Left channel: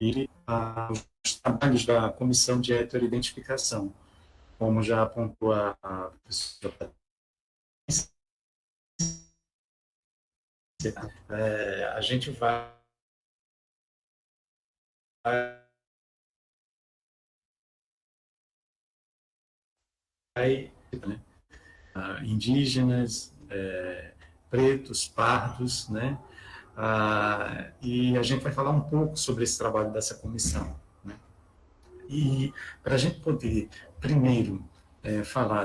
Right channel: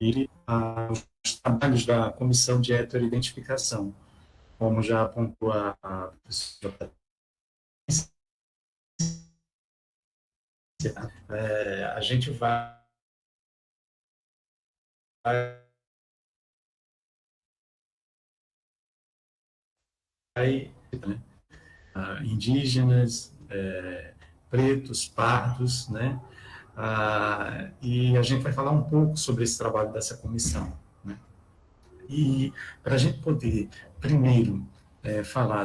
os trabalhos da Comissão de Heteroidentificação, como já apontou a professora Patrícia, a gente vai né, indígenas, pretos, pardos, né? E a gente vai falar um pouco sobre esse trabalho dessa comissão, né? E para a gente poder, primeiro, falar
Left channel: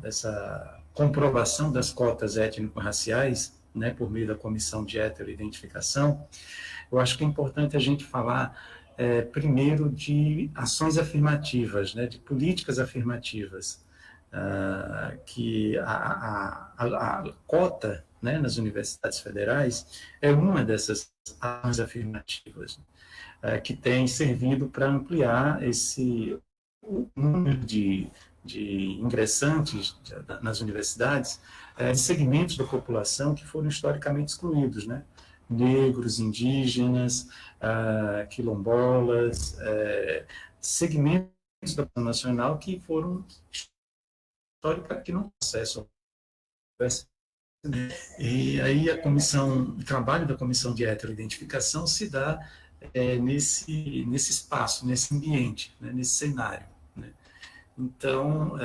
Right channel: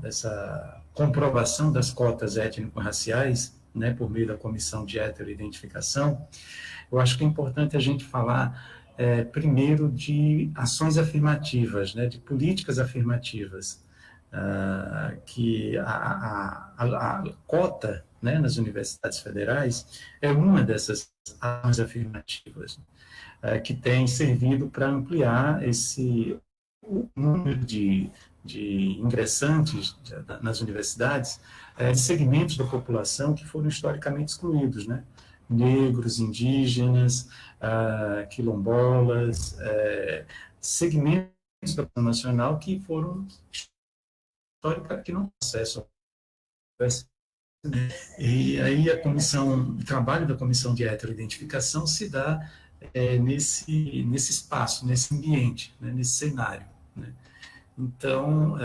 dessa comprovação das cotas étnico-raciais, né, por meio da comissão de heteroidentificação, eu acho que é importante a gente falar, primeiro, de ações afirmativas, né, de políticas afirmativas, que a cota, né, nas universidades federais é uma dessas ações afirmativas, que tem servido para ampliar o número de ingressantes nas universidades, de segmentos da população que foram historicamente excluídos, né? Negros, indígenas, quilombolas, segmentos da população nacional que foram históricamente que não têm acesso. E aí o trabalho da comissão de heteroidentificação se dá nesse espaço, nesse ambiente, né, nesse cenário, né? Então,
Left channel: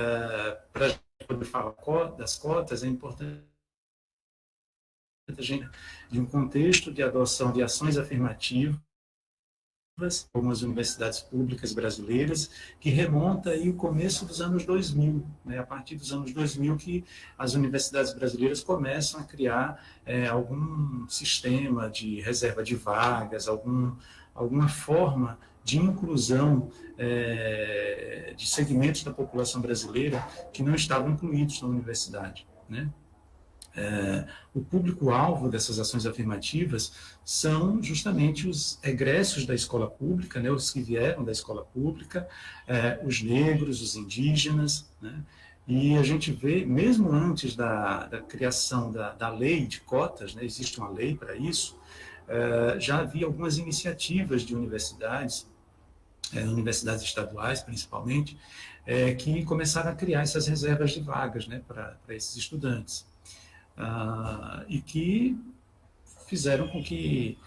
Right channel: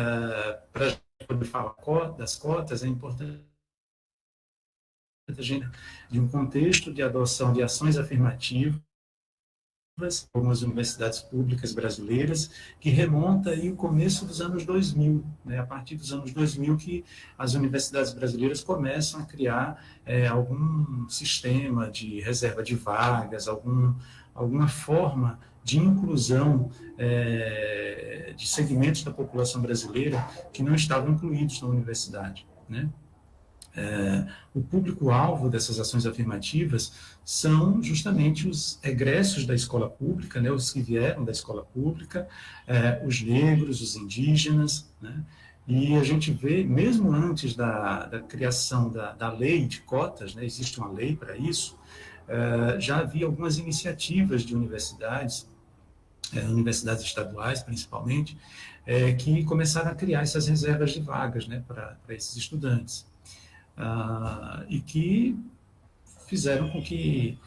para poder falar das cotas, é importante a gente de um contexto de adoção de ações afirmativas, algumas universidades públicas brasileiras, que remonta aí o começo dos anos 2000, né? A partir dos anos 2000 que as universidades brasileiras começam a criar algum sistema de reserva de vagas, alguma forma de inclusão de segmentos da população brasileira que não estavam incluídos na universidade, né? O público-alvo dessas ações afirmativas são justamente os egressos da escola pública, né, os que vieram da escola pública, os negros, os indígenas, né, e a gente vê, mesmo antes da criação da lei de cotas, né, existe uma lei para isso, já havia algumas iniciativas de universidades estaduais principalmente, que começaram a criar essas reservas de vagas, né, para esses estudantes. E que fizeram com que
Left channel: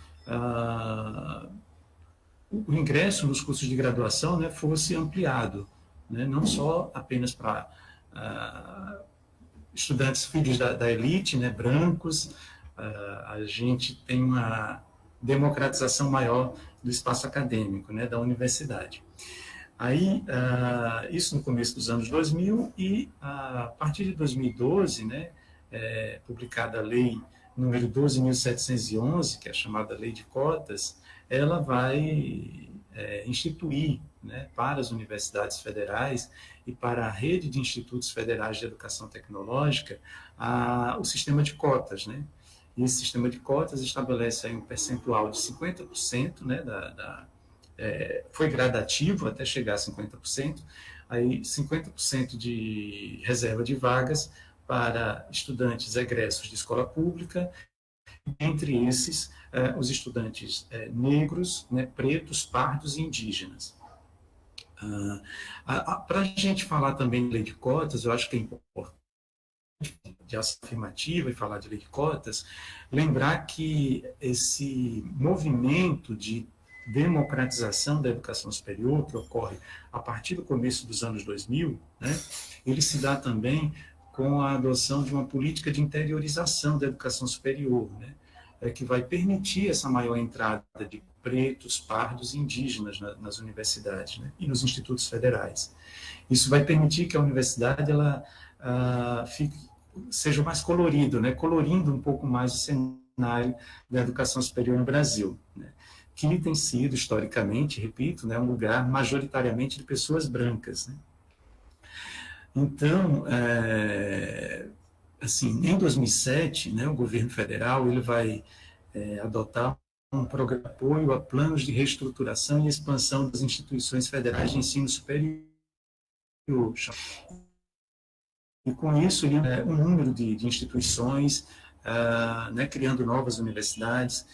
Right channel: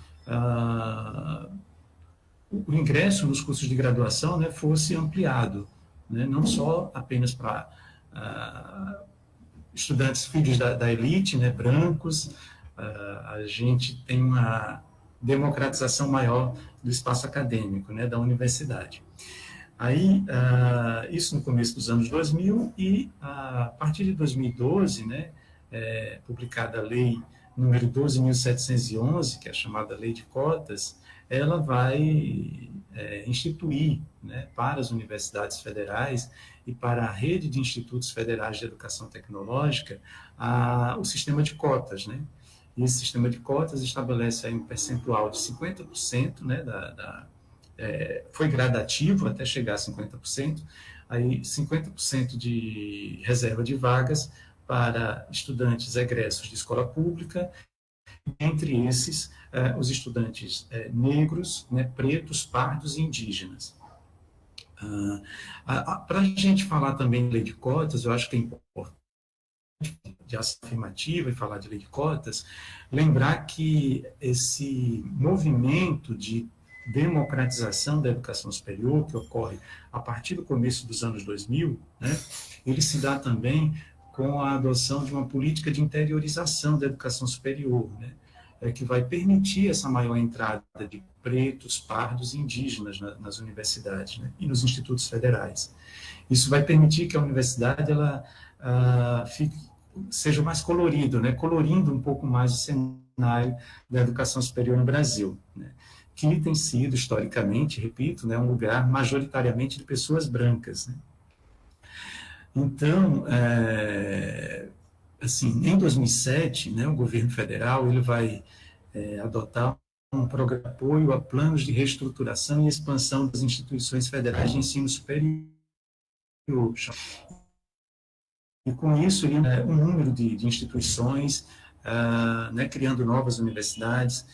o ingresso nos cursos de graduação, né, fosse ampliado, né, não só apenas para estudantes filhos da elite, né, brancos. A gente tem uma democratização maior do espaço acadêmico, né, da universidade. Aí, isso no começo dos anos 2000, e a partir de 2012, né, publicada a lei número 12.711, que é a chamada Lei de Cotas, ela vai instituir, né, para as universidades federais e para a rede de institutos federais de educação tecnológica, o sistema de cotas, né? E esse sistema de cotas estabelece aí um percentual de 50%, né, foi gradativo até chegar a 50%, aí 50% de reserva de vagas para estudantes egressos de escola pública, entre esses os estudantes negros, né, pretos, pardos e indígenas. Para a gente falar também de lei de cotas, eu acho que é importante, de ação afirmativa e falar de lei de cotas, lembrar que esse movimento de democratização da educação superior, que ocorre a partir do começo dos anos 2000, né, ele se dá também com a adoção de uma política de interiorização da educação superior, né, que vai permitir essa maior entrada de pretos, pardos e indígenas nas universidades, né, e nos institutos federais. Isso vai permitir que a universidade ela seja mais colorido, né, colorindo um pouco mais o cenário da educação superior no Brasil, né, que tem sido, historicamente, repito, né, um lugar majoritariamente de pessoas brancas, né. Então, assim, em 2007, né, o governo federal ele vai adotar um programa de apoio a planos de reestruturação e expansão das instituições federais de ensino superior. E com isso, um número de instituições, né, criando novas universidades,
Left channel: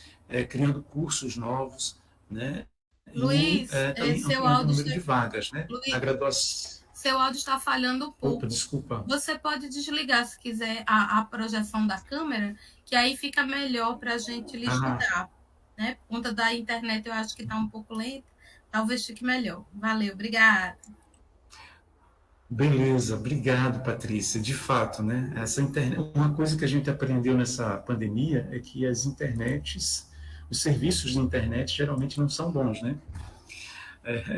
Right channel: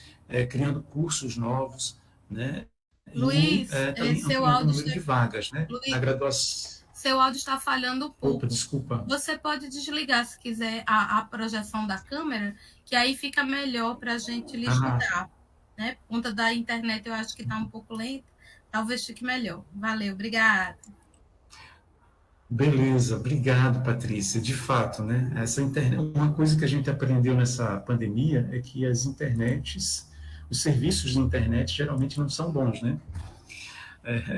criando cursos novos, né? E Luiz, também seu ampliando o áudio, número de vagas, né? Na Luiz, graduação. seu áudio está falhando um Opa, pouco. desculpa. Você pode desligar, se quiser, a projeção da câmera, que aí fica melhor para a gente lhe Ah, escutar. Né? Por conta da internet, eu acho que está um pouco lenta. Talvez fique melhor. Valeu, obrigada. beleza, obrigado, Patrícia. De fato, né? Essa internet, uma coisa que a gente aprendeu nessa pandemia é que as internets, os serviços de internet geralmente não são bons, né?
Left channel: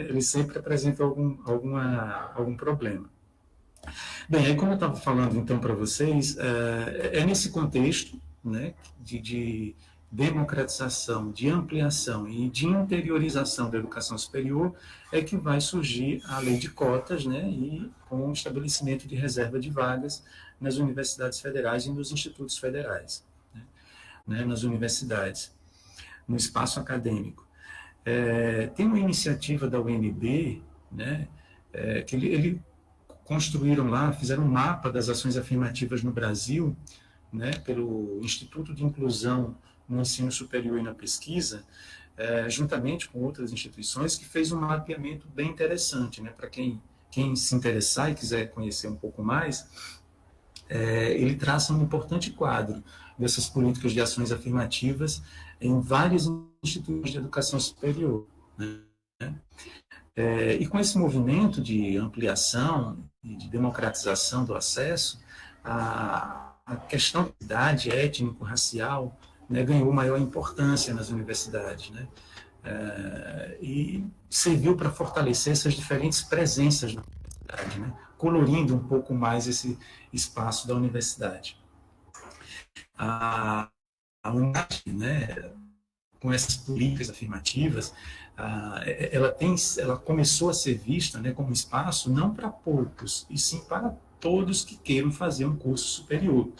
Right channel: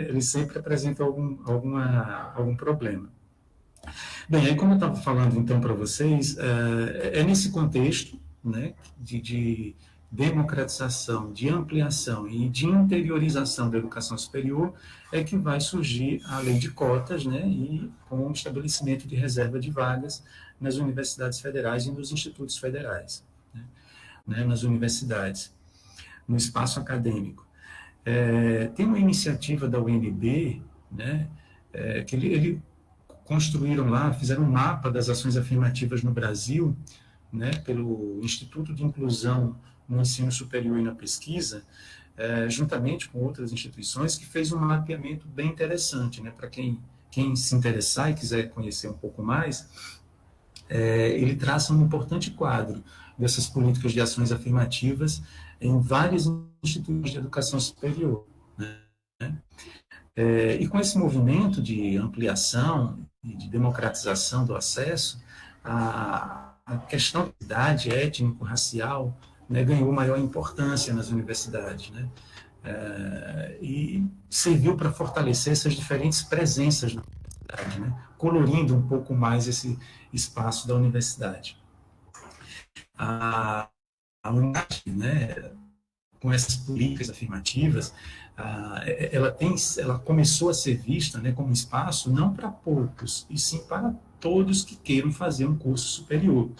Eles sempre apresentam algum problema. Bem, aí como eu estava falando então para vocês, é nesse contexto, né, de democratização, de ampliação e de interiorização da educação superior é que vai surgir a lei de cotas, né, e com o estabelecimento de reserva de vagas nas universidades federais e nos institutos federais, né, nas universidades, no espaço acadêmico. Tem uma iniciativa da UNB, né, que ele construíram lá, fizeram um mapa das ações afirmativas no Brasil, né, pelo Instituto de Inclusão no Ensino Superior e na Pesquisa, juntamente com outras instituições, que fez um mapeamento bem interessante, né, para quem se interessar e quiser conhecer um pouco mais, ele traça um importante quadro dessas políticas de ações afirmativas em vários institutos de educação superior. Né? E com esse movimento de ampliação e de democratização do acesso, a questão da idade étnico-racial, né, ganhou maior importância nas universidades, né? E serviu para fortalecer essas diferentes presenças na universidade, né? Colorindo um pouco mais esse espaço da universidade. A, a UNAT, né, com essas políticas afirmativas, ela começou a ser vista, né, como um espaço não para poucos, e sim para todos que queiram fazer um curso superior.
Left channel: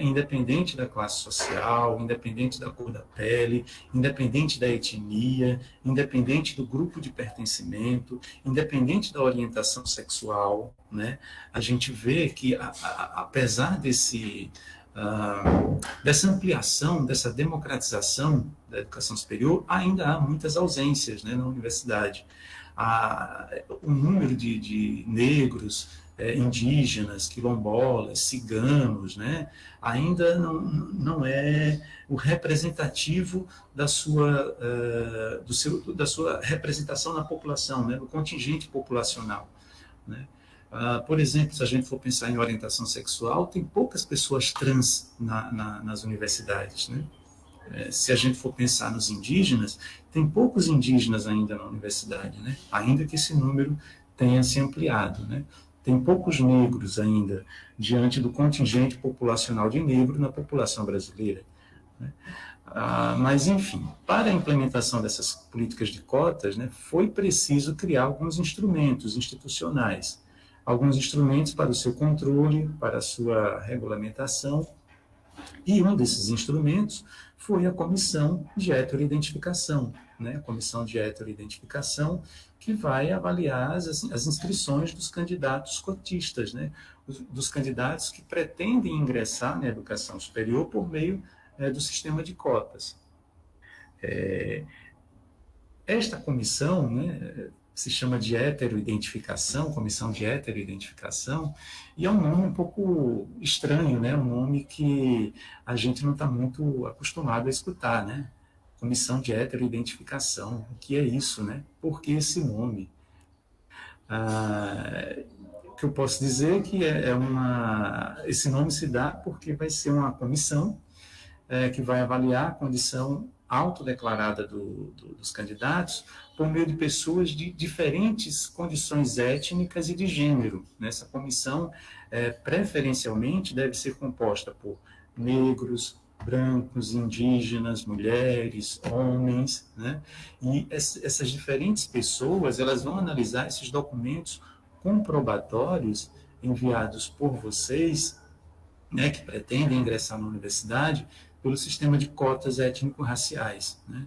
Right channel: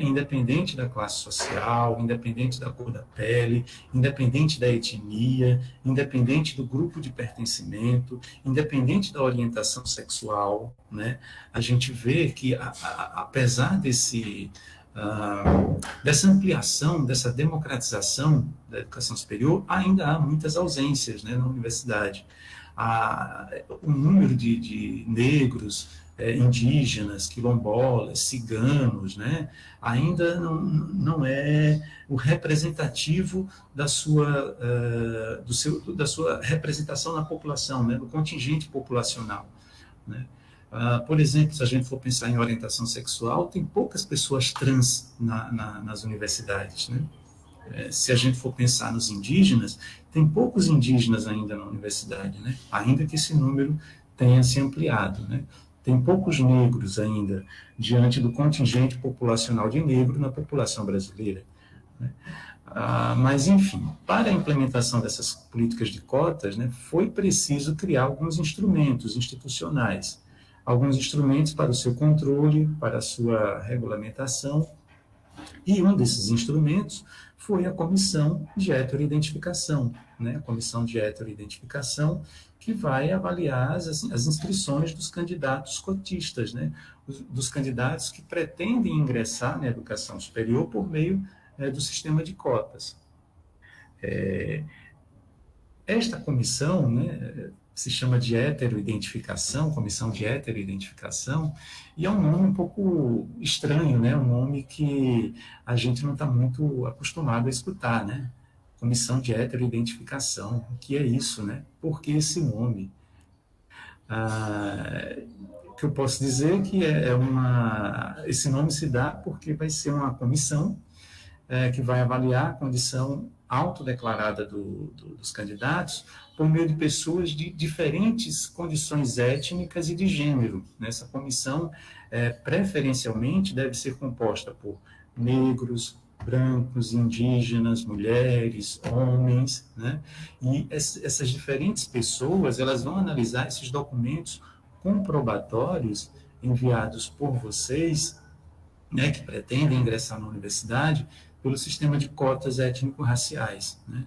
Independente da classe social, independente da cor da pele, independente da etnia, independente do grupo de pertencimento, independente da orientação sexual, né? A gente vê que, apesar dessa ampliação, dessa democratização da educação superior, ainda há muitas ausências, né, na universidade. O número de negros, indígenas, quilombolas, ciganos, né, ainda não é o representativo da sua representação na população, né, do contingente populacional. Né? Por exemplo, se a gente for pensar em orientação sexual, tem poucas pessoas trans nas universidades. Né? Se a gente for pensar nos indígenas, tem poucos indígenas ainda na universidade, né? Ainda que esse número tenha se ampliado. Né? Tem poucos negros ainda diante do contingente populacional de negro na população brasileira. Né? Mas, enfim, para a implementação dessas políticas de cotas, né, foi preciso criar alguns instrumentos institucionais, alguns instrumentos para o seu controle, para a sua regulamentação, e um desses instrumentos foi a comissão de heteroidentificação, né, a comissão de heteroidentificação que vai avaliar as inscrições dos candidatos cotistas, né, dos candidatos que pretendem ingressar na educação superior por meio do sistema de cotas. Esta comissão, né, se chama de heteroidentificação, comissão de heteroidentificação, e é um nome um pouco estranho, né, um nome que a gente não está muito acostumado a escutar, né? Comissão de heteroidentificação, o que é isso, né? Por que esse nome? O que eu posso dizer é que esse nome se dá porque vai ser uma comissão que vai avaliar a condição autodeclarada dos candidatos por meio de pessoas de diferentes condições étnicas e de gênero. Essa comissão, preferencialmente, deve ser composta por negros, brancos, indígenas, mulheres, homens, né? E essas diferentes pessoas, elas vão analisar esses documentos comprobatórios enviados por vocês, né, que pretendem ingressar na universidade, pelo sistema de cotas étnico-raciais. Né?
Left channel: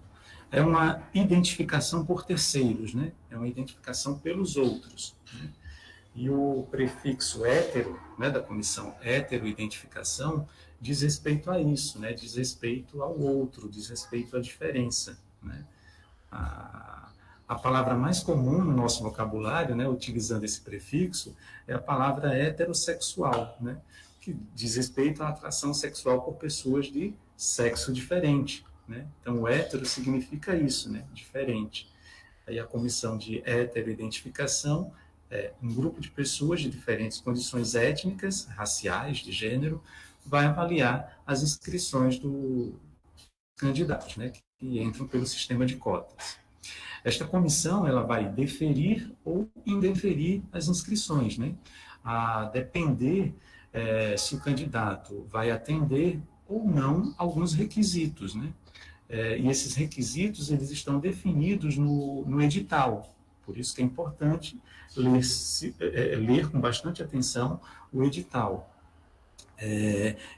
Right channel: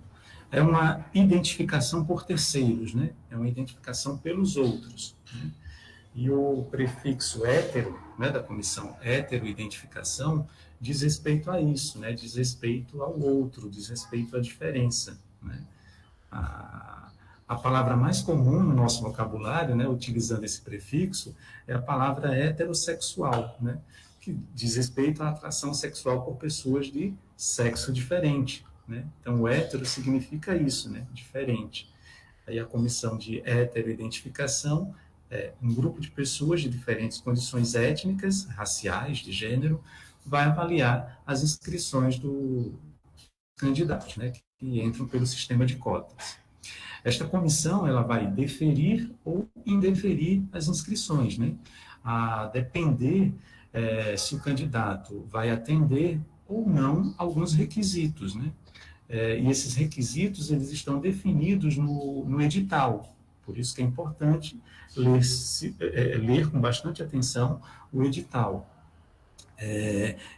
É uma identificação por terceiros, né? É uma identificação pelos outros. Né? E o prefixo hétero, né, da comissão heteroidentificação, diz respeito a isso, né? Diz respeito ao outro, diz respeito à diferença, né? A palavra mais comum no nosso vocabulário, né, utilizando esse prefixo, é a palavra heterossexual, né, que diz respeito à atração sexual por pessoas de sexo diferente. Né? Então, o hétero significa isso, né, diferente. Aí a comissão de heteroidentificação é um grupo de pessoas de diferentes condições étnicas, raciais, de gênero, vai avaliar as inscrições dos candidatos, né, que entram pelo sistema de cotas. Esta comissão ela vai deferir ou indeferir as inscrições, né? A depender se o candidato vai atender ou não alguns requisitos, né? E esses requisitos eles estão definidos no edital. Por isso que é importante ler com bastante atenção o edital.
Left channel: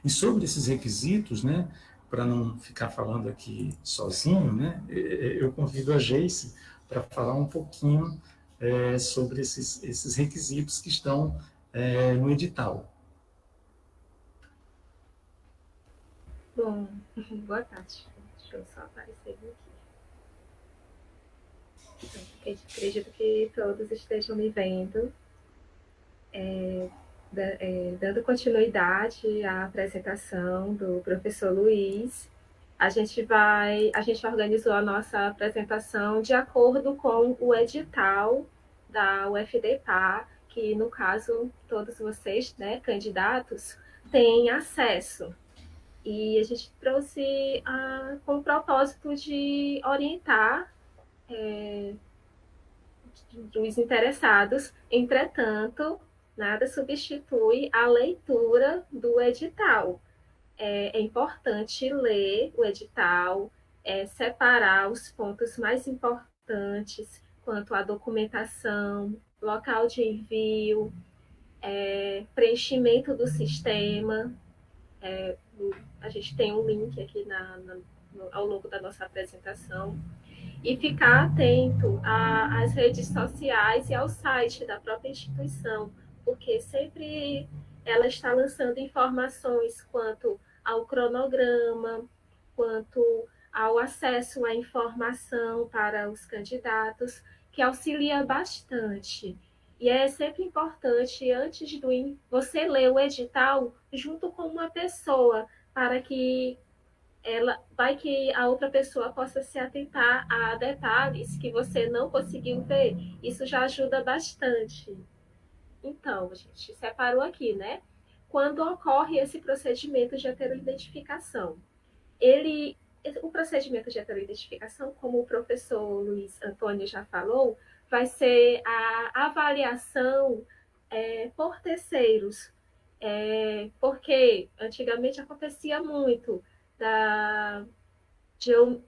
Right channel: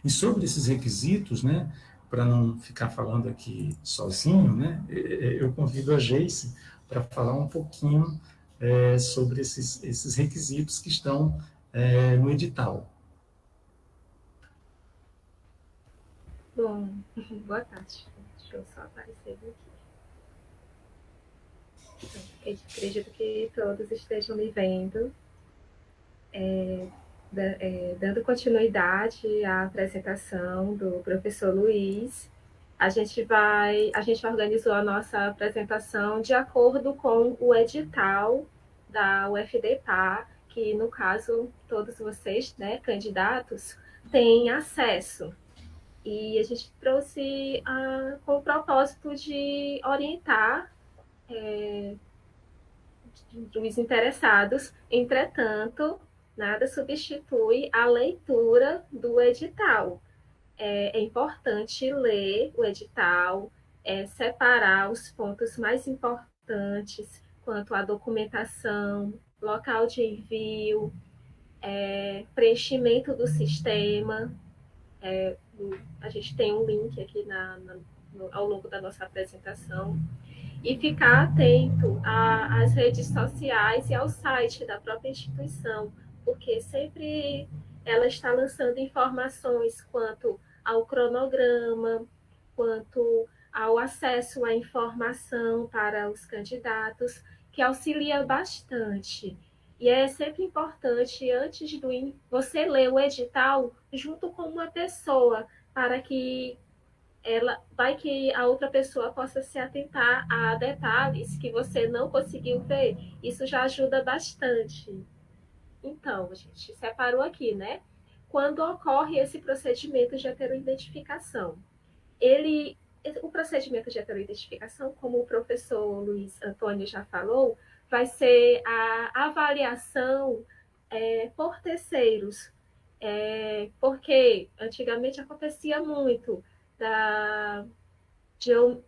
E sobre esses requisitos, né, para não ficar falando aqui sozinho, né, eu convido a Geice para falar um pouquinho sobre esses requisitos que estão no edital. Bom, boa tarde. Deixa eu só aparecer aqui. Acredito que todos estejam me vendo. Dando continuidade à apresentação do professor Luiz, a gente organizou a nossa apresentação de acordo com o edital da UFDPA, que no caso todos vocês, né, candidatos, têm acesso. E a gente trouxe com o propósito de orientar os interessados. Entretanto, nada substitui a leitura do edital. É importante ler o edital, separar os pontos mais importantes quanto à documentação, local de envio, preenchimento do sistema. A gente tem um link aqui ao longo da nossa apresentação. E ficar atento às redes sociais e ao site da própria instituição, porque sempre ela está lançando informações quanto ao cronograma, quanto ao acesso à informação para os candidatos, que auxilia bastante. E é sempre importante, antes você ler o edital junto com uma pessoa, para que a outra pessoa possa se atentar a detalhes que você não conseguiu ver. Isso já ajuda bastante. Então, a gente separou aqui, né? Quando ocorre esse procedimento de heteroidentificação. O procedimento de heteroidentificação, como o professor Luiz Antônio já falou, vai ser a avaliação por terceiros. Porque antigamente acontecia muito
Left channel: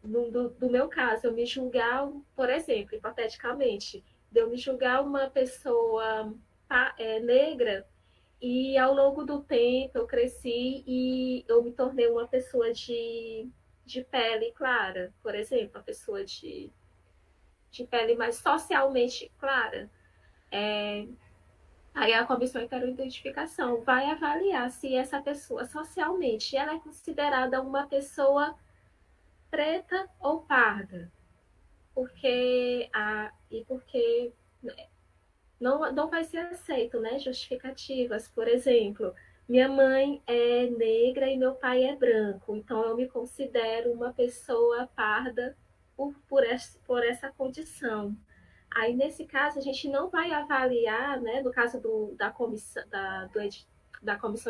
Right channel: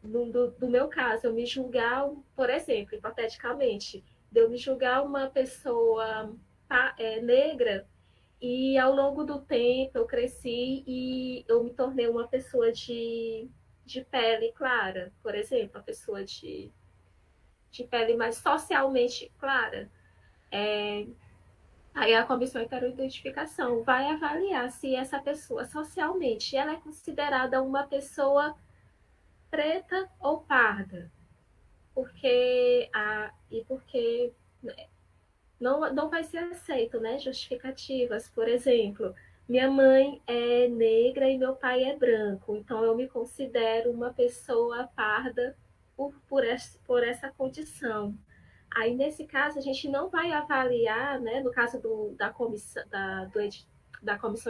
do meu caso, eu me julgar, por exemplo, hipoteticamente, de eu me julgar uma pessoa negra, e ao longo do tempo eu cresci e eu me tornei uma pessoa de pele clara, por exemplo, uma pessoa de pele mais socialmente clara. Aí a comissão heteroidentificação vai avaliar se essa pessoa socialmente ela é considerada uma pessoa preta ou parda, porque não vai ser aceito, né, justificativas. Por exemplo, minha mãe é negra e meu pai é branco, então eu me considero uma pessoa parda por essa condição. Aí, nesse caso, a gente não vai avaliar, né, no caso da comissão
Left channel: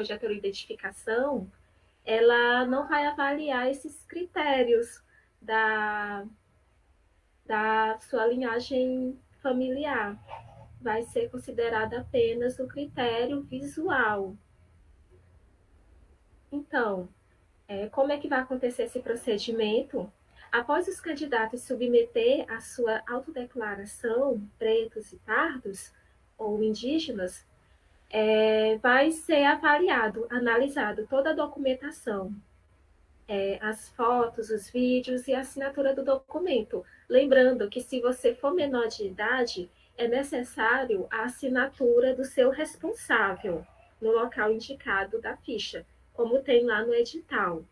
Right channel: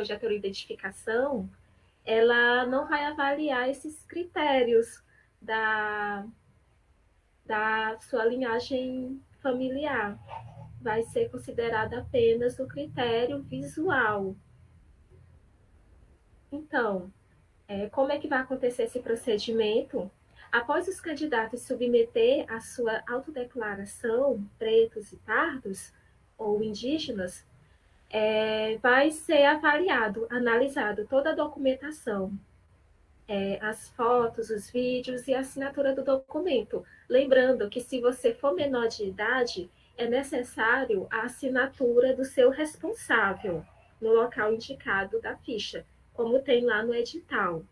de heteroidentificação, ela não vai avaliar esses critérios da sua linhagem familiar. Vai ser considerada apenas o critério visual. Então, como é que vai acontecer esse procedimento? Após os candidatos submeter a sua autodeclaração, pretos e pardos, ou indígenas, vai ser analisado toda a documentação, as fotos, os vídeos e a assinatura do documento. Lembrando que se você for menor de idade, é necessário a assinatura do seu responsável no local indicado da ficha. como tem lá no edital.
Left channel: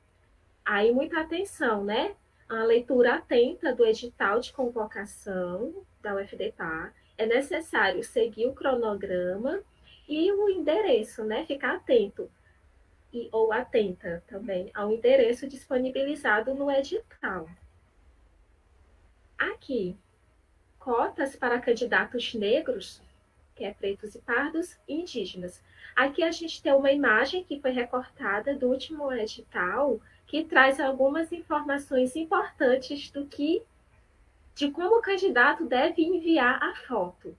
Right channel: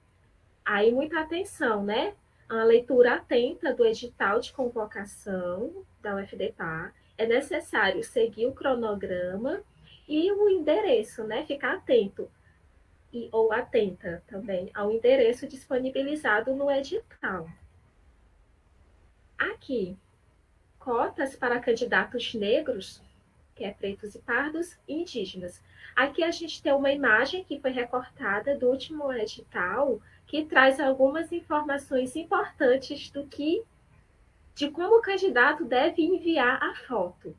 Aí, muita atenção, né? A leitura atenta do edital de convocação da UFDPA. É necessário seguir o cronograma e o endereço, né? Ficar atento ou atenta também ao endereço disponibilizado no edital. Aqui, cotas para candidatos negros, que é pretos e pardos, e indígenas. Aqui a gente tem uma imagem que foi recortada do último edital, que traz algumas informações importantes de como o candidato deve enviar a foto.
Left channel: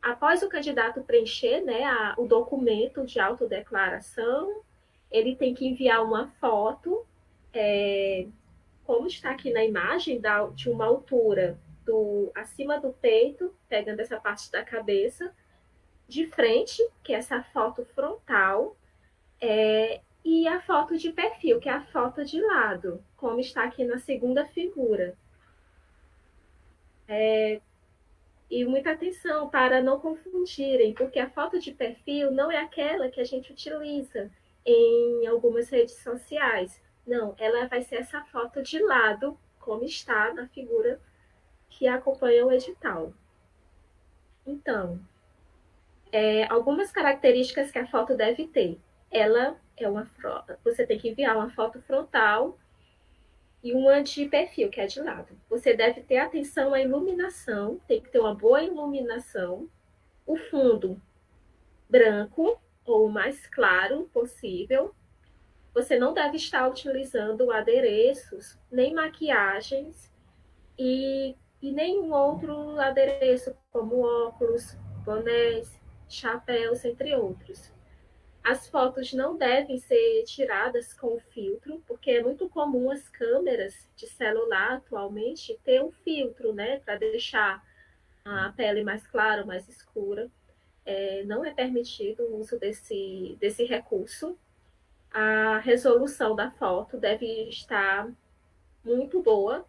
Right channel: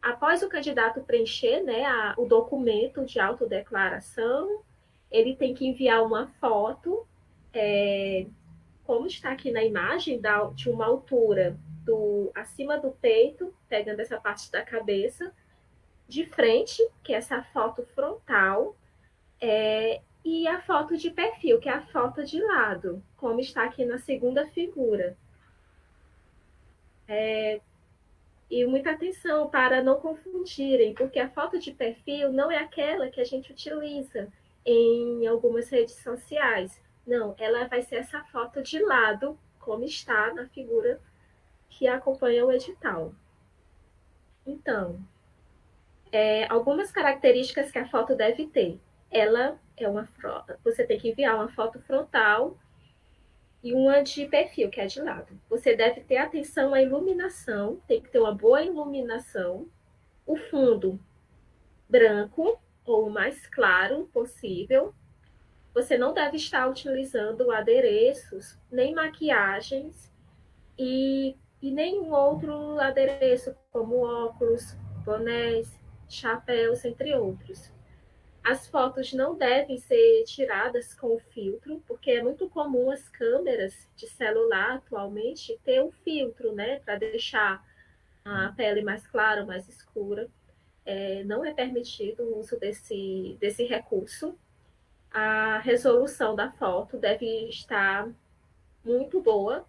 Após o candidato preencher, né, o documento de autodeclaração, ele tem que enviar uma foto, como está aqui na imagem, de uma altura acima do peito, pegando essa parte da cabeça, de frente, que é essa foto frontal, e a foto de perfil, que é a foto de lado, como está aqui na segunda figura. E muita atenção para não confundirem, porque a foto de perfil não é aquela que a gente utiliza em algumas redes sociais. Não, ela vai ser essa foto de lado, como está na figura que acompanha o edital. Então, algumas características que a foto deve ter. Ela é você tem que enviar uma foto frontal e uma de perfil, que é de lado. Você deve ter atenção à iluminação, tem que ter uma boa iluminação. O fundo branco ou o mais claro possível. Você não deve estar utilizando adereços, nem maquiagens e nenhum outro adereço, como óculos, bonés, chapéus, entre outros. As fotos não devem ser tiradas com filtro, porque é muito comum as câmeras de celular atualmente ter um filtro, né, para deixar a pele mais clara, mais escura. Não é permitido o uso desse recurso. A resolução da foto deve estar muito boa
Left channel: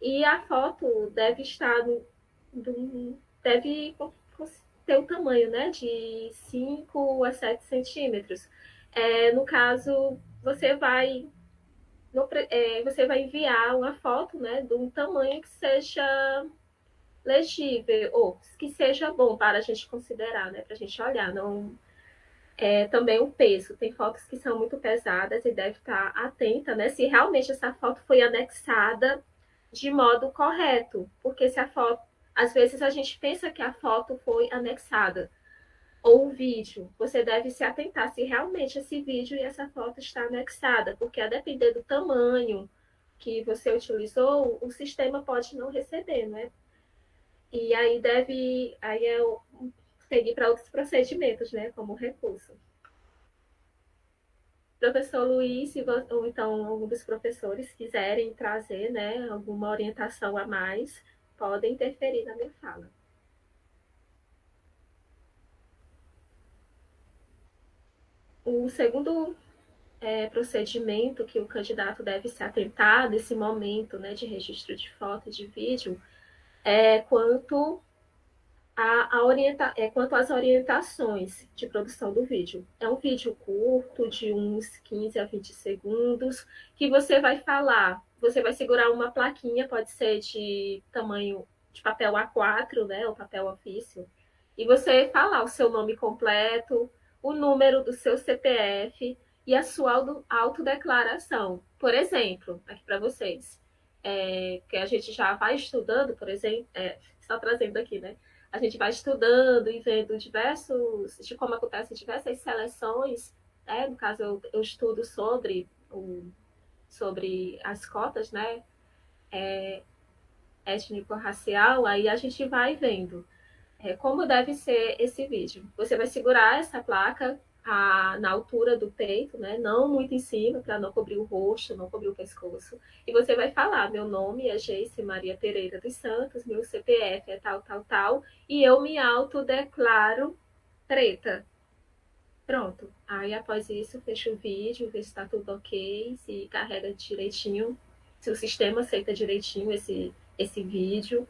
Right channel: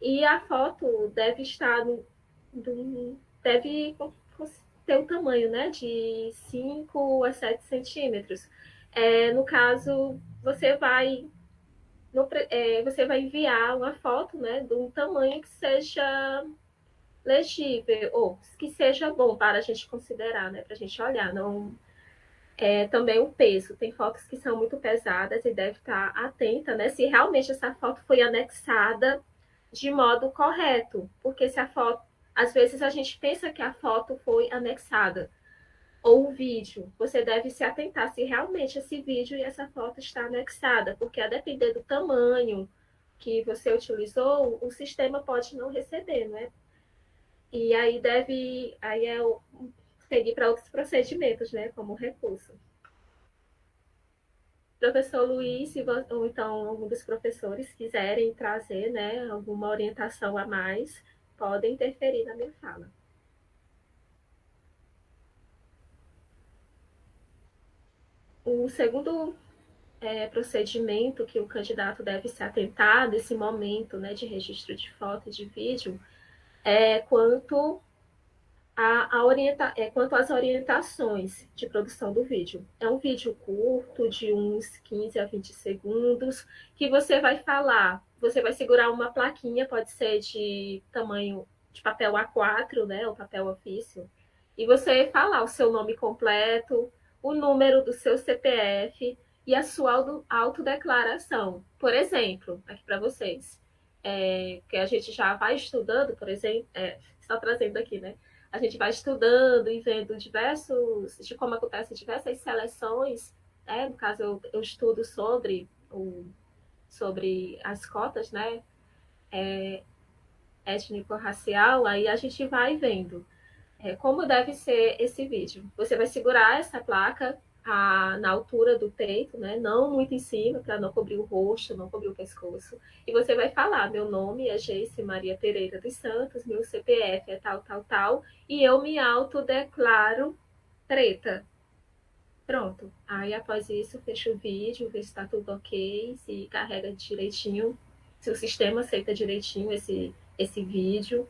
e a foto deve estar deve ter o tamanho, né, de 5 a 7 centímetros. No caso, você vai enviar uma foto, né, de um tamanho que seja legível, ou que seja bom para a gente considerar, né, para a gente olhar. Não, também o peso. Tem fotos que são muito pesadas e deve estar atenta, né, se realmente essa foto foi anexada de modo correto, porque se a foto, às vezes a gente pensa que a foto foi anexada, ou o vídeo, você deve se atentar se realmente esse vídeo e essa foto está anexada, porque a depender do tamanho que você utilizou, o sistema pode não receber, né? E aí seguir para outros procedimentos, né, como recurso. Professor Luiz, ou então algum dos professores quiserem trazer, né, alguma orientação a mais, podem interferir na minha fala. O segundo procedimento que o candidato deve se atentar nesse momento, né, de registro de foto e de vídeo é quanto às orientações de produção do vídeo. É um vídeo curto, de uns 15 a 20 segundos, que você vai segurar uma plaquinha, pode ser de tamanho de papel A4, né, ou papel ofício, e você falar o seu nome completo, o número do seu CPF e a sua autodeclaração. Por exemplo, aqui para vocês, que a gente já vai estudando, por exemplo, só trazendo aqui, né? A gente vai estudando e vendo de como acontecem diversas seleções, né? No caso, eu estudo sobre as cotas, né? Étnico-racial, aí a gente vai vendo como deve ser esse vídeo. Você vai segurar essa placa na altura do peito, né? Não muito em cima, para não cobrir o rosto, não cobrir o pescoço. E você vai falar: meu nome é Geice Maria Pereira dos Santos, meu CPF é tal, tal, tal, e eu me autodeclaro preta. Pronto. Aí, após isso, fecha o vídeo, vê se está tudo ok, se carrega direitinho, se o sistema aceita direitinho esse vídeo.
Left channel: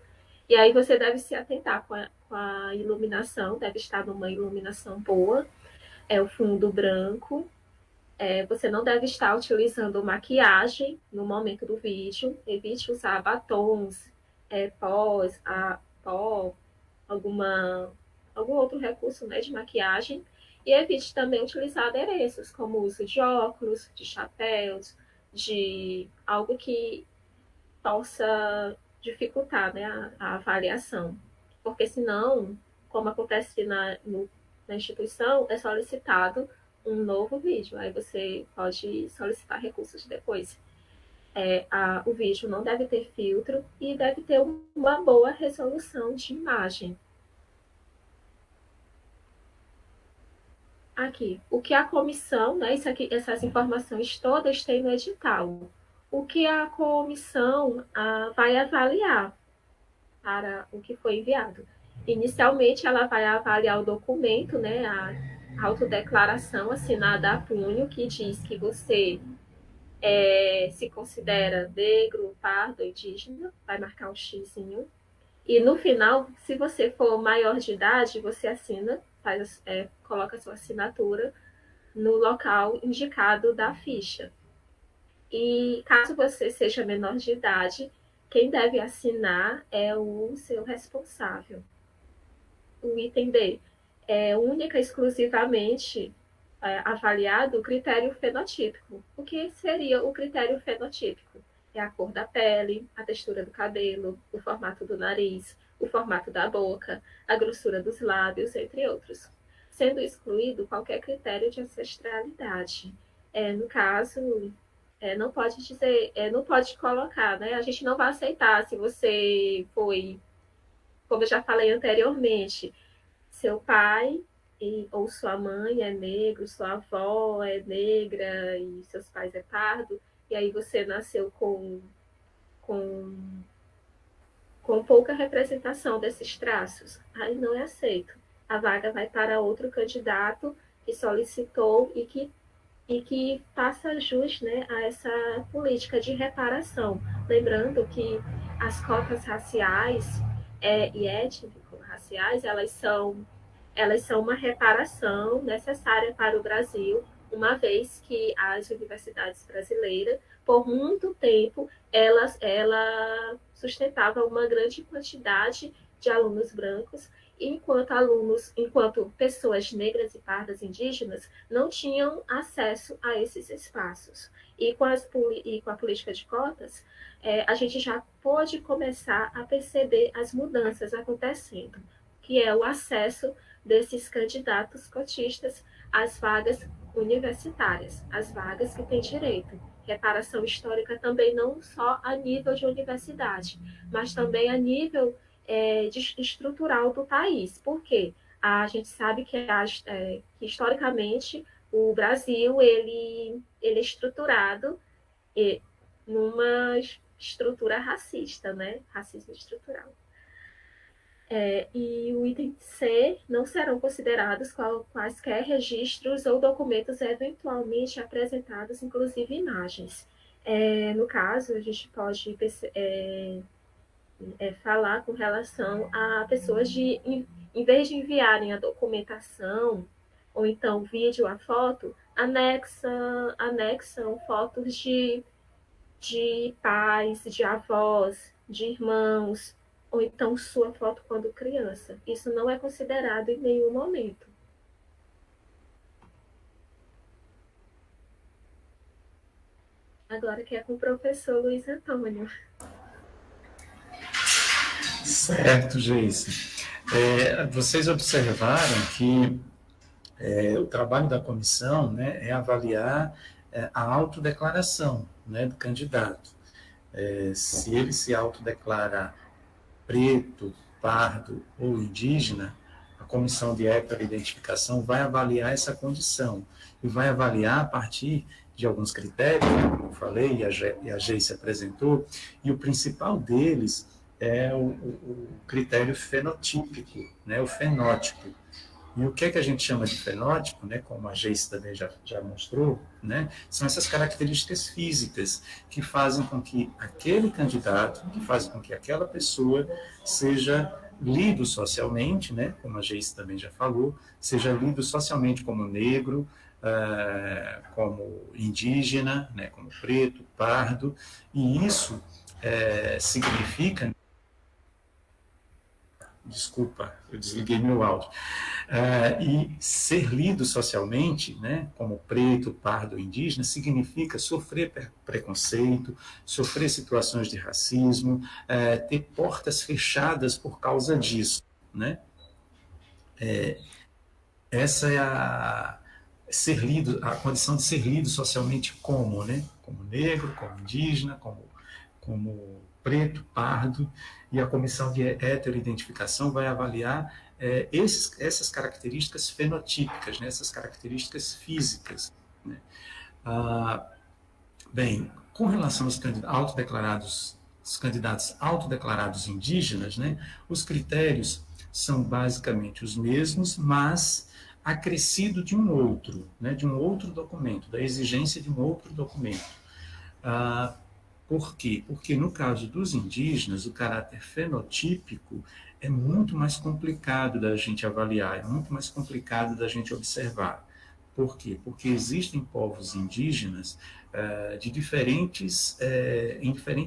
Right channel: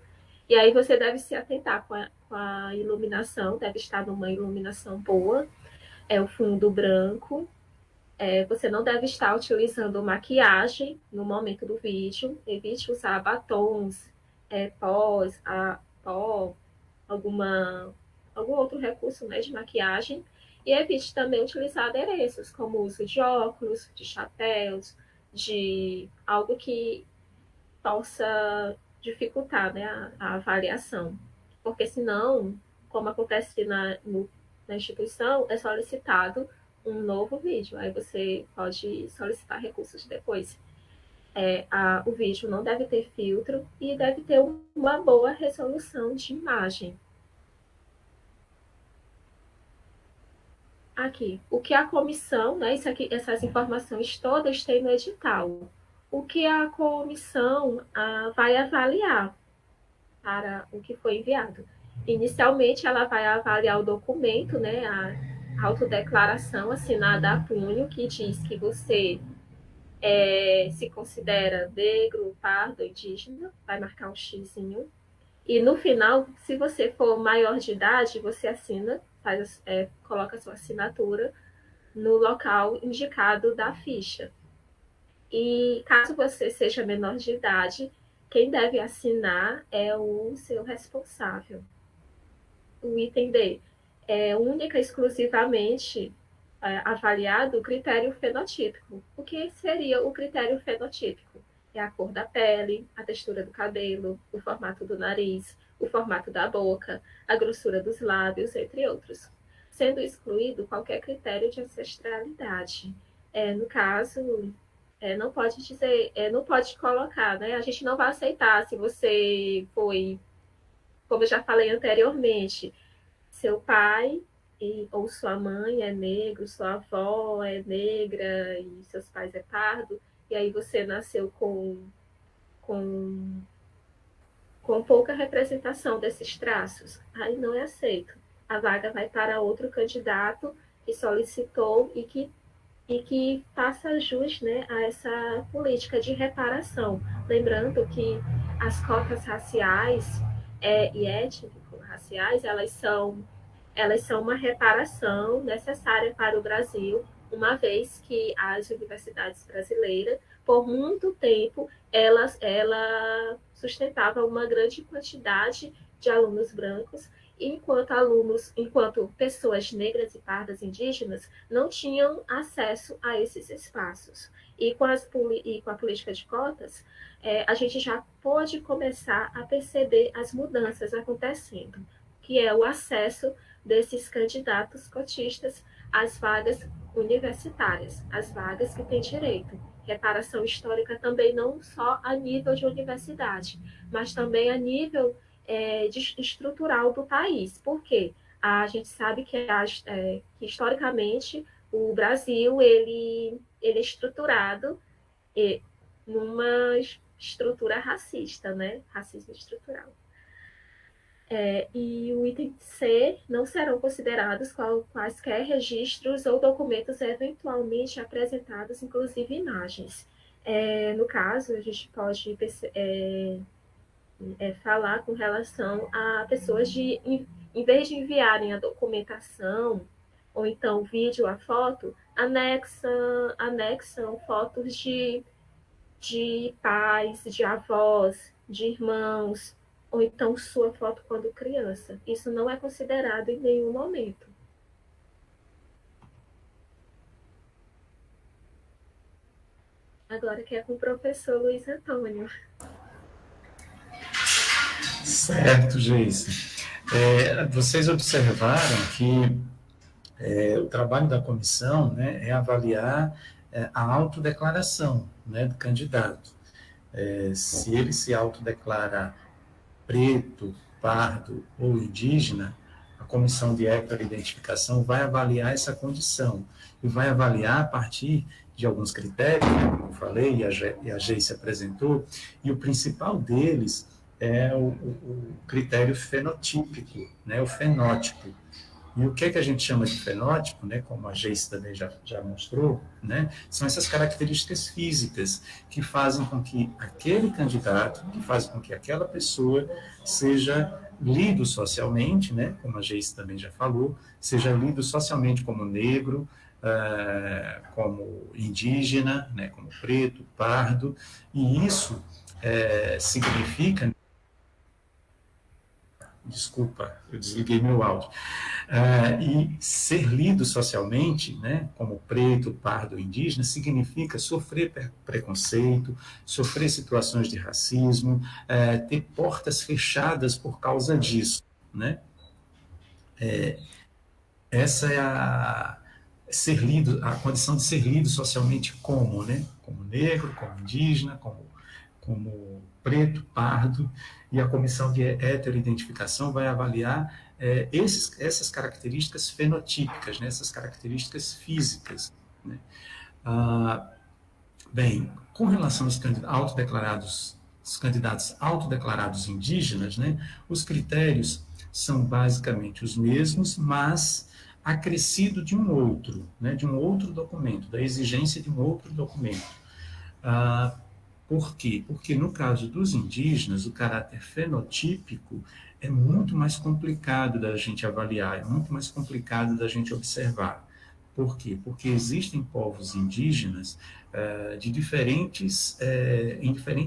E aí você deve se atentar com a iluminação, deve estar numa iluminação boa. É o fundo branco, Você não deve estar utilizando maquiagem no momento do vídeo. Evite usar batons, pó, algum outro recurso, né, de maquiagem. E evite também utilizar adereços, como o uso de óculos, de chapéus, de algo que possa dificultar, né, a avaliação. Porque senão, como acontece na instituição, é solicitado um novo vídeo. Aí você pode solicitar recursos depois. O vídeo não deve ter filtro e deve ter uma boa resolução de imagem. Aqui, o que a comissão, né, essas informações todas tem no edital. O que a comissão vai avaliar para o que foi enviado. Inicialmente, ela vai avaliar o documento, né, a autodeclaração assinada a punho, que diz que você se considera negro, pardo, indígena, vai marcar um xizinho. E no final, se você for maior de idade, você assina, coloca a sua assinatura no local indicado da ficha. E caso você seja menor de idade, quem deve assinar é o seu responsável. O item D é única e exclusivamente avaliado o critério fenotípico. O que seria o critério fenotípico? É a cor da pele, a textura do cabelo, o formato do nariz, o formato da boca, a grossura dos lábios, entre outros. Sendo excluído qualquer critério de ancestralidade. No caso, não pode dizer, não pode colocar, né? A gente não vai aceitar se você foi, como eu já falei anteriormente, seu pai ou sua mãe é negro, sua avó é negra e seus pais é pardo, e aí você nasceu com pouca representação desses traços, aí não é aceito. A vaga vai para outro candidato que solicitou e que faça jus, né, a essa política de reparação. Lembrando que as cotas raciais e étnico-raciais, elas são uma reparação necessária para o Brasil, uma vez que as universidades brasileiras, por muito tempo, ela sustentava uma grande quantidade de alunos brancos, enquanto pessoas negras e pardas indígenas não tinham acesso a esses espaços. E com a política de cotas, a gente já pode começar a perceber as mudanças acontecendo, que é o acesso desses candidatos cotistas às vagas universitárias, às vagas que têm direito. Reparação histórica também não só a nível de universidade, mas também a nível estrutural do país. Por quê? A gente sabe que historicamente o Brasil ele é estruturado numa estrutura racista, né? Racismo estrutural. E o item C, não serão considerados quaisquer registros ou documentos eventualmente apresentados, inclusive imagens. No caso, a gente pode falar com relação a pessoas em vez de enviarem a documentação, ou então o vídeo, a foto, anexam fotos de pais, de avós, de irmãos, ou então sua foto quando criança. Isso não é considerado em nenhum momento. Agora que é com o professor Luiz Antônio. Certo, Geice. Vocês observaram que o trabalho da comissão, né, é avaliar a autodeclaração, né, do candidato. Se ele se autodeclara preto, pardo ou indígena, a comissão de heteroidentificação vai avaliar essa condição e vai avaliar a partir de alguns critérios, como eu falei, e a Geice apresentou, e o principal deles é o critério fenotípico, né, o fenótipo. E o que a gente chama de fenótipo, né, como a Geice também já mostrou, né, são essas características físicas que fazem com que aquele candidato, que fazem com que aquela pessoa seja lido socialmente, né, como a Geice também já falou, seja lido socialmente como negro, como indígena, né, como preto, pardo, e isso significa... Desculpa, eu desliguei meu áudio. E ser lido socialmente, né, como preto, pardo, indígena, significa sofrer preconceito, sofrer situações de racismo, ter portas fechadas por causa disso, né? Essa é a condição de ser lido socialmente como, né? Como negro, como indígena, como preto, pardo, e a comissão de heteroidentificação vai avaliar essas características fenotípicas, né? Essas características físicas, né? Bem, com relação aos candidatos autodeclarados indígenas, né? Os critérios são basicamente os mesmos, mas acrescido de um outro, né? De um outro documento, da exigência de um outro documento. Por quê? Porque no caso dos indígenas, o caráter fenotípico é muito mais complicado da gente avaliar, é muito mais complicado da gente observar. Por quê? Porque existem povos indígenas em diferentes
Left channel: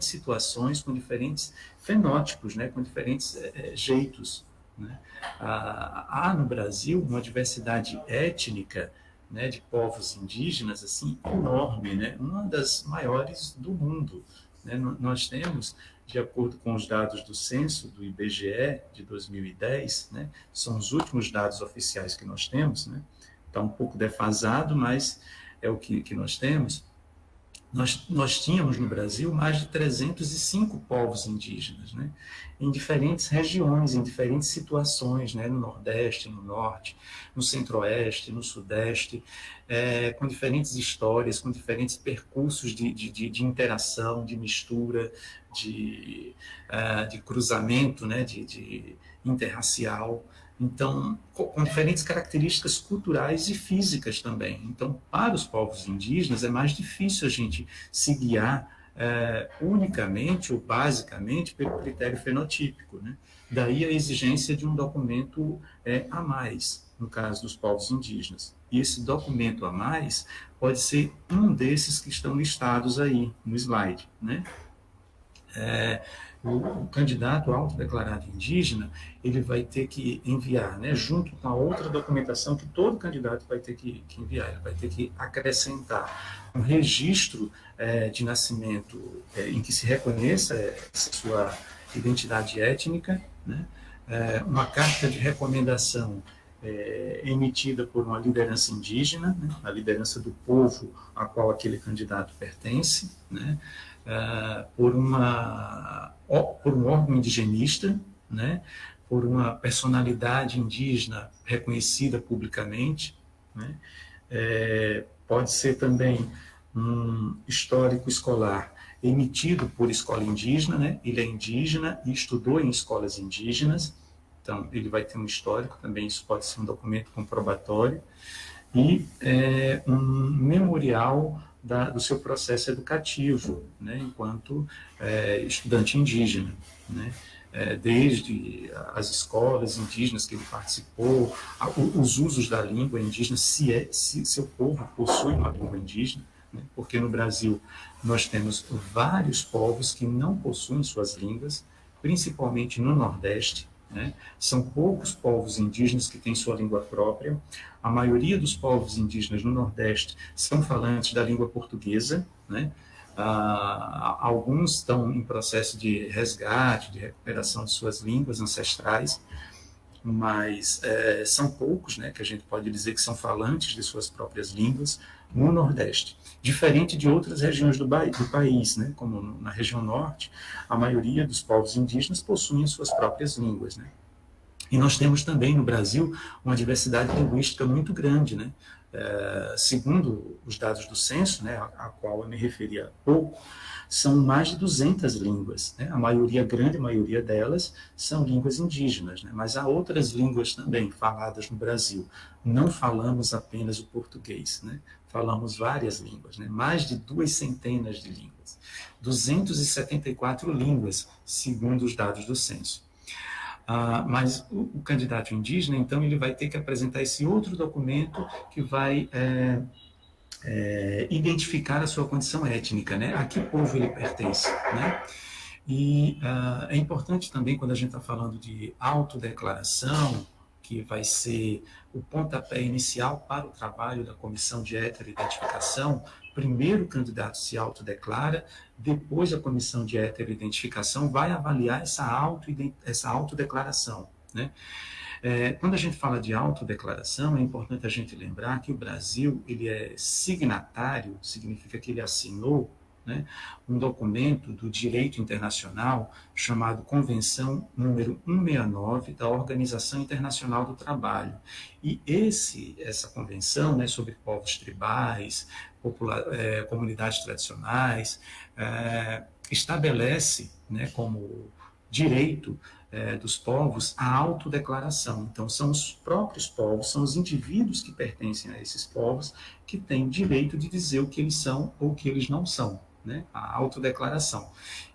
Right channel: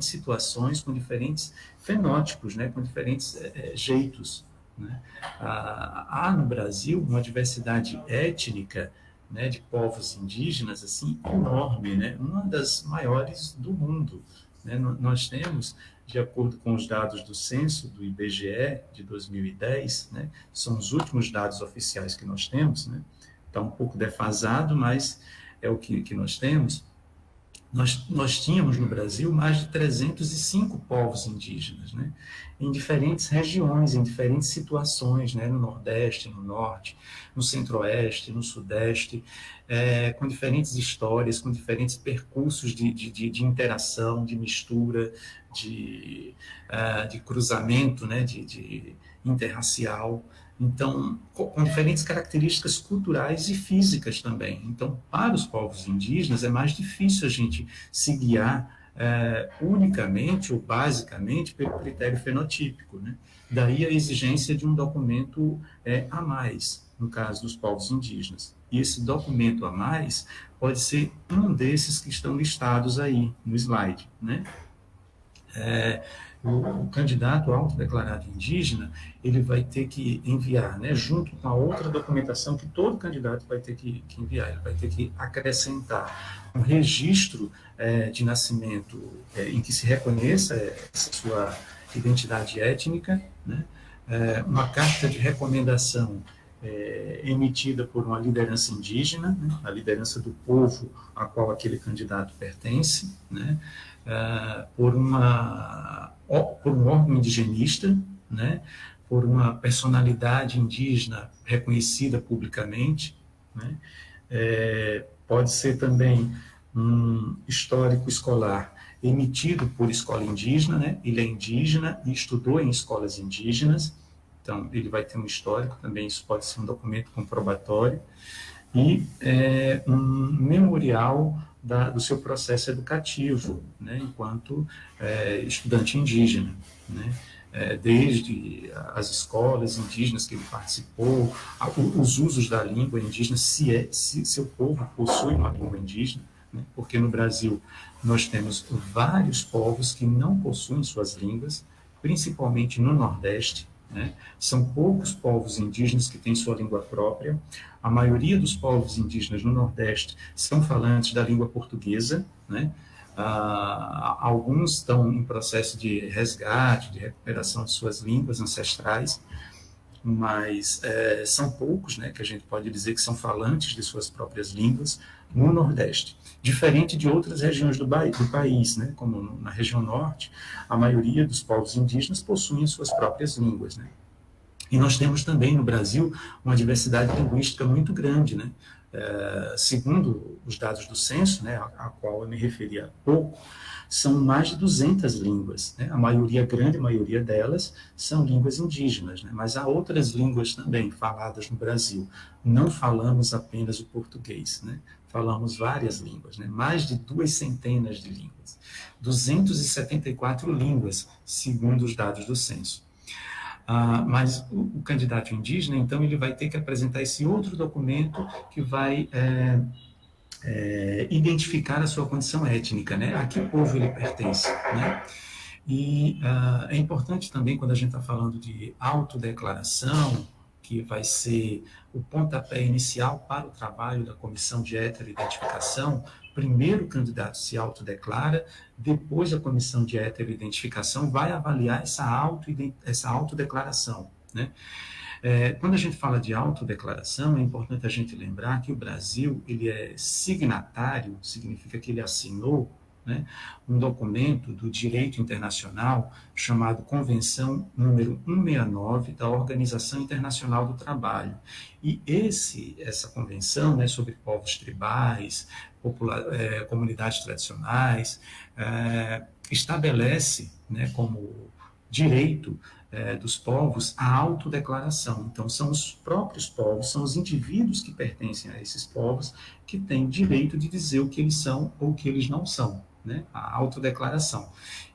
situações, com diferentes fenótipos, né? Com diferentes jeitos, né? Há no Brasil uma diversidade étnica, né, de povos indígenas assim enorme, né, uma das maiores do mundo, né? Nós temos, de acordo com os dados do censo do IBGE de 2010, né, são os últimos dados oficiais que nós temos, né? Está um pouco defasado, mas é o que nós temos. Nós tínhamos no Brasil mais de 305 povos indígenas, né? Em diferentes regiões, em diferentes situações, né? No Nordeste, no Norte, no Centro-Oeste, no Sudeste, com diferentes histórias, com diferentes percursos de interação, de mistura, de cruzamento, né? de interracial. Então, com diferentes características culturais e físicas também. Então, para os povos indígenas, é mais difícil a gente se guiar unicamente ou basicamente pelo critério fenotípico, né? Daí a exigência de um documento a mais, no caso dos povos indígenas. E esse documento a mais pode ser um desses que estão listados aí no slide, né? O candidato autodeclarado indígena, ele vai ter que enviar, né, junto com a outra documentação que todo candidato vai ter que enviar, ele vai ter que acrescentar um registro de nascimento em que se reconheça essa sua identidade étnica, né, uma carta de recomendação emitida por uma liderança indígena, né, a liderança do povo a qual aquele candidato pertence, né, por um órgão indigenista, né, por uma personalidade indígena reconhecida publicamente, né, pode ser também um histórico escolar emitido por escola indígena, né, ele é indígena e estudou em escolas indígenas, então ele vai ter um histórico também, isso pode ser um documento comprobatório, e um memorial do seu processo educativo, né, enquanto estudante indígena, né, desde as escolas indígenas que ele participou, os usos da língua indígena, se seu povo possui uma língua indígena, né, porque no Brasil nós temos vários povos que não possuem suas línguas, principalmente no Nordeste, né? São poucos povos indígenas que têm sua língua própria. A maioria dos povos indígenas no Nordeste são falantes da língua portuguesa, né? Alguns estão em processo de resgate, de recuperação de suas línguas ancestrais, mas são poucos, né, que a gente pode dizer que são falantes de suas próprias línguas no Nordeste. Diferente de outras regiões do país, né, como na região Norte, a maioria dos povos indígenas possuem suas próprias línguas, né. E nós temos também no Brasil uma diversidade linguística muito grande, né. Segundo os dados do censo, né, a qual eu me referi há pouco, são mais de 200 línguas, né? A grande maioria delas são línguas indígenas, né? Mas há outras línguas também faladas no Brasil. Não falamos apenas o português, né? Falamos várias línguas, né? Mais de 200 de línguas. 274 línguas, segundo os dados do censo. Mas o candidato indígena, então, ele vai ter que apresentar esse outro documento que vai identificar a sua condição étnica, né? A que povo ele pertence, né? E é importante também, quando a gente está falando de autodeclaração, que vai ser o pontapé inicial para o trabalho da comissão de heteroidentificação, primeiro o candidato se autodeclara, depois a comissão de heteroidentificação vai avaliar essa autodeclaração, né? Quando a gente fala de autodeclaração, é importante a gente lembrar que o Brasil ele é signatário, significa que ele assinou, né, um documento do direito internacional chamado Convenção número 169 da Organização Internacional do Trabalho. E essa convenção, né, sobre povos tribais, comunidades tradicionais, estabelece, né, como direito dos povos a autodeclaração. Então, são os próprios povos, são os indivíduos que pertencem a esses povos que têm direito de dizer o que eles são ou o que eles não são, né? A autodeclaração.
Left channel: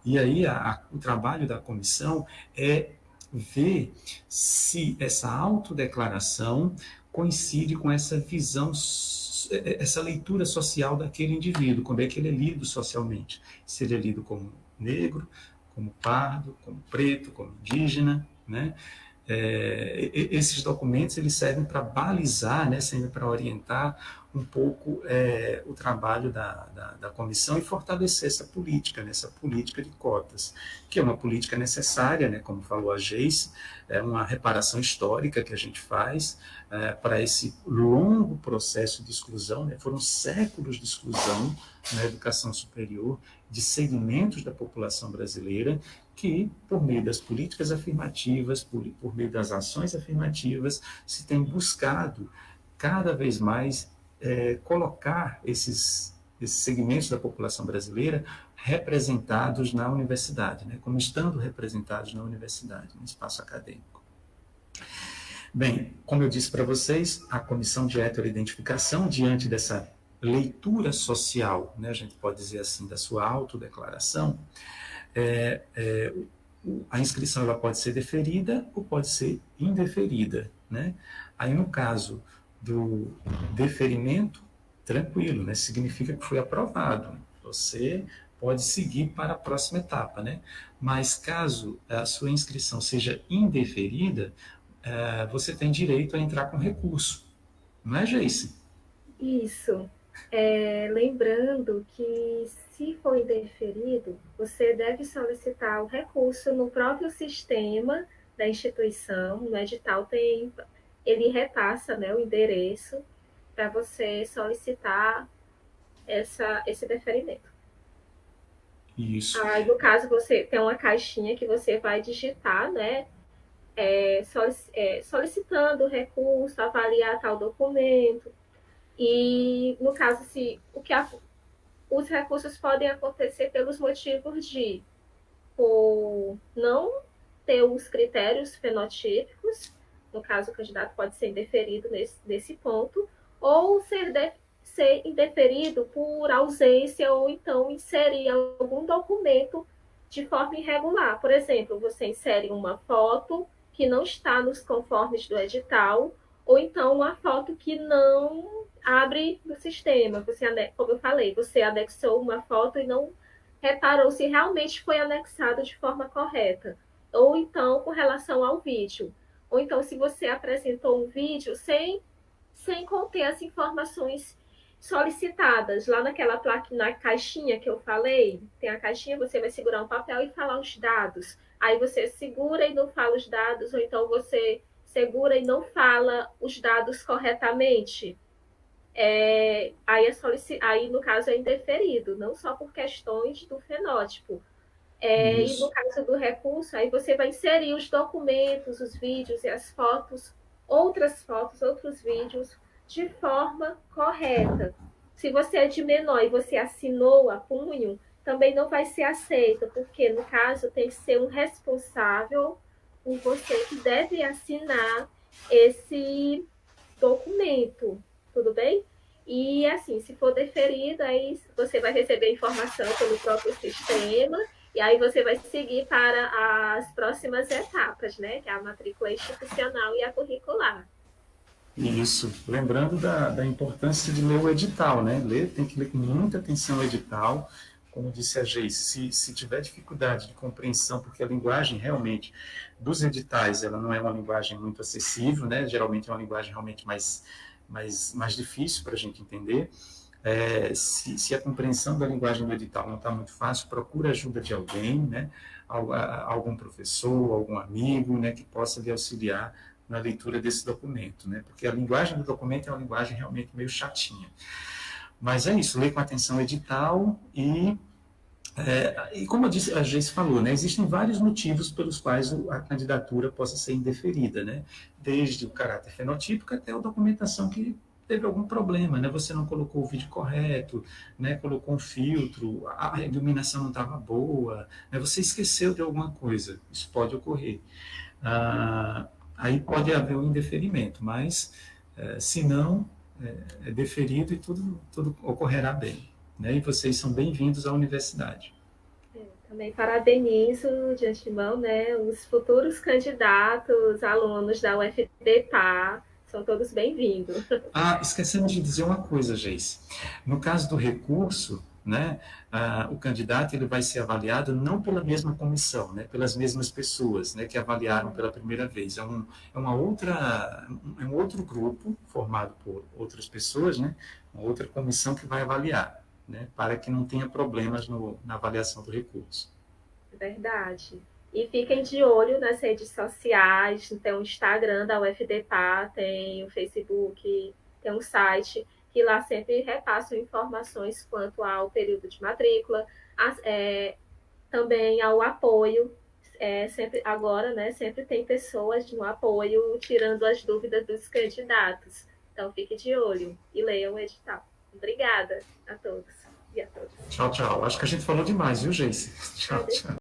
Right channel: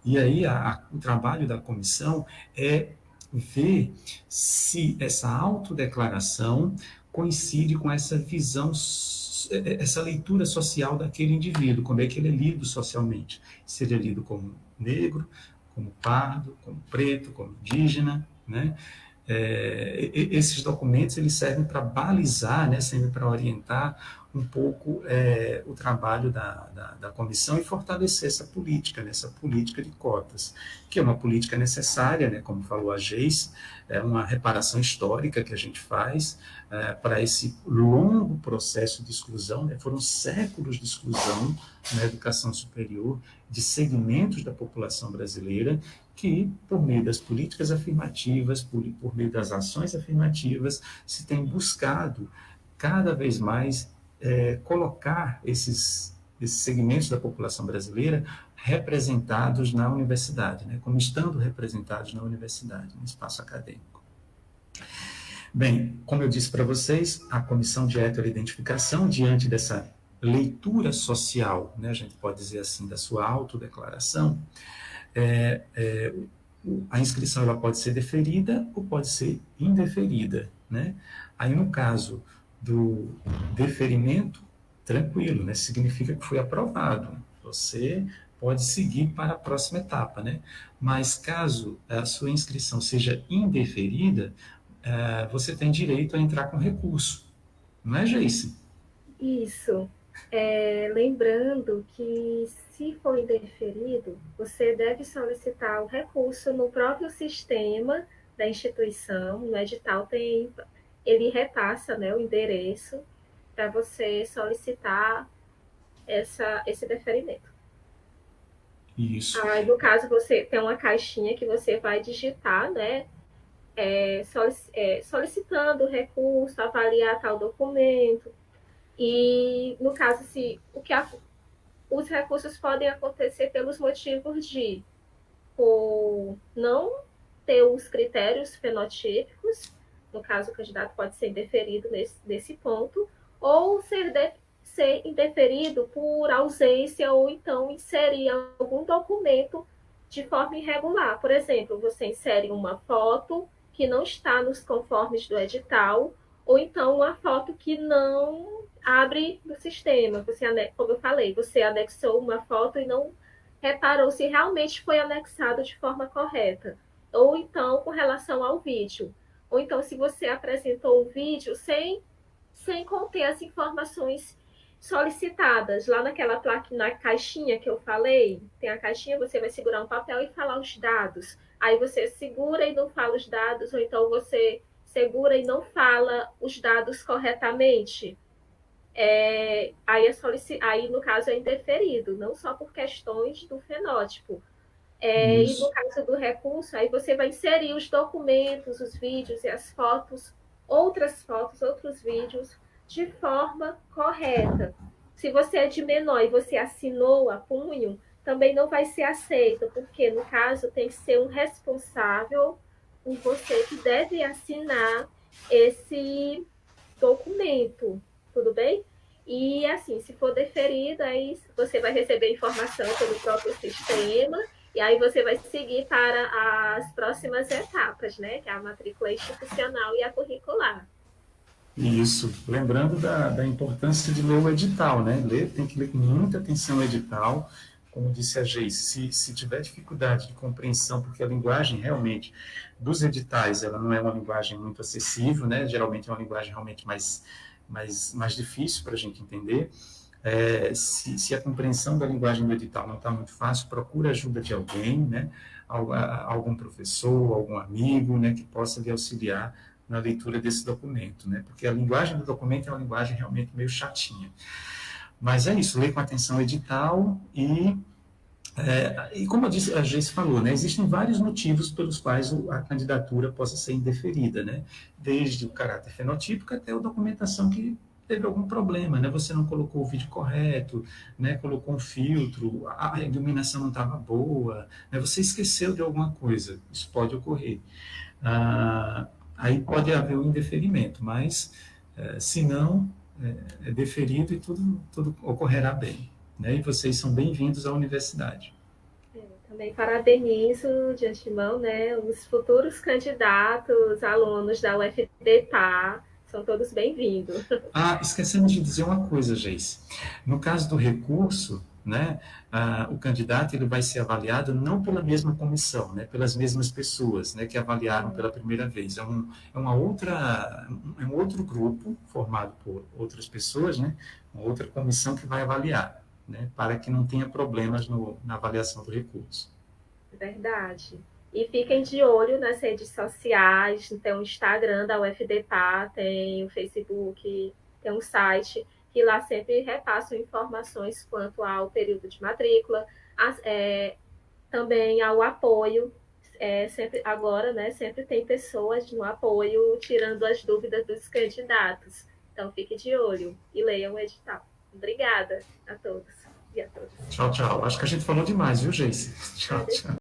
E aí, o trabalho da comissão é ver se essa autodeclaração coincide com essa visão, essa leitura social daquele indivíduo, como é que ele é lido socialmente. Se ele é lido como negro, como pardo, como preto, como indígena, né? Esses documentos eles servem para balizar, né, servem para orientar um pouco o trabalho da comissão e fortalecer essa política, né, essa política de cotas, que é uma política necessária, né, como falou a Geice, é uma reparação histórica que a gente faz para esse longo processo de exclusão, né, foram séculos de exclusão na educação superior, de segmentos da população brasileira, que, por meio das políticas afirmativas, por meio das ações afirmativas, se tem buscado cada vez mais colocar esses segmentos da população brasileira representados na universidade, né, como estando representados na universidade, no espaço acadêmico. Bem, como eu disse para vocês, a comissão de heteroidentificação, diante dessa leitura social, né, a gente pode dizer assim, da sua autodeclaração, a inscrição ela pode ser deferida ou pode ser indeferida, né? Aí, no caso do deferimento, tranquilo, né? Significa que foi aprovado. Você pode seguir para a próxima etapa, né? Mas caso a sua inscrição seja indeferida, você tem direito a entrar com recurso. Não é, Geice? Isso. Lembrando que, se for indeferido, você deve solicitar o recurso no próprio sistema da instituição. No edital ele repassa, né, o endereço para você solicitar esse deferimento. Isso. Aí, no caso, você tem uma caixinha que você vai digitar, né, solicitando o recurso, avaliar tal documento. E, no caso, os recursos podem acontecer pelos motivos de por não ter os critérios fenotípicos, no caso, o candidato pode ser indeferido nesse ponto, ou ser indeferido por ausência, ou então inserir algum documento de forma irregular. Por exemplo, você insere uma foto que não está nos conformes do edital, ou então uma foto que não abre no sistema. Como eu falei, você anexou uma foto e não reparou se realmente foi anexado de forma correta. Ou então, com relação ao vídeo. Ou então, se você apresentou um vídeo sem conter as informações solicitadas. Lá naquela placa, na caixinha que eu falei, tem a caixinha, você vai segurar um papel e falar os dados. Aí você segura e não fala os dados, ou então você segura e não fala os dados corretamente. Aí, no caso, é indeferido, não só por questões do fenótipo. E no caso do recurso, aí você vai inserir os documentos, os vídeos e as fotos, outras fotos, outros vídeos, de forma correta. Se você é de menor e você assinou a punho, também não vai ser aceito, porque, no caso, tem que ser um responsável, você que deve assinar esse documento, tudo bem? E, assim, se for deferido, aí você vai receber informação pelo próprio sistema, E aí você vai seguir para as próximas etapas, né? Que é a matrícula institucional e a curricular. Isso. Lembrando da importância de ler o edital, né? Tem que ler com muita atenção o edital. Como disse a Geise, se tiver dificuldade de compreensão, porque a linguagem realmente dos editais, ela não é uma linguagem muito acessível, né? Geralmente é uma linguagem realmente mais difícil para a gente entender. Se a compreensão da linguagem do edital não está muito fácil, procura a ajuda de alguém, né? Algum professor, algum amigo, né? Que possa lhe auxiliar na leitura desse documento, né? Porque a linguagem do documento é uma linguagem realmente meio chatinha. Mas é isso, leia com atenção o edital e como a Geice falou, né, existem vários motivos pelos quais a candidatura possa ser indeferida, né? Desde o caráter fenotípico até a documentação que teve algum problema, né? Você não colocou o vídeo correto, né? Colocou um filtro, a iluminação não estava boa, né? Você esqueceu de alguma coisa, isso pode ocorrer. Aí pode haver um indeferimento, mas se não, é deferido e tudo ocorrerá bem. Né? E vocês são bem-vindos à universidade. Também parabenizo de antemão, né, os futuros candidatos, alunos da UFDPA, são todos bem-vindos. Esquecemos de dizer uma coisa, Geise. No caso do recurso, né, o candidato ele vai ser avaliado não pela mesma comissão, né, pelas mesmas pessoas, né, que avaliaram pela primeira vez. É um outro grupo formado por outras pessoas, né, uma outra comissão que vai avaliar, né, para que não tenha problemas na avaliação do recurso. Verdade. E fiquem de olho nas redes sociais, tem o Instagram da UFDPA, tem o Facebook, tem um site, que lá sempre repassam informações quanto ao período de matrícula, também ao apoio. Sempre agora, né, sempre tem pessoas no apoio tirando as dúvidas dos candidatos. Então fique de olho e leiam o edital. Obrigada a todos e a todas. Tchau, tchau. Acho que a gente falou demais, viu, Geise? Tchau, tchau.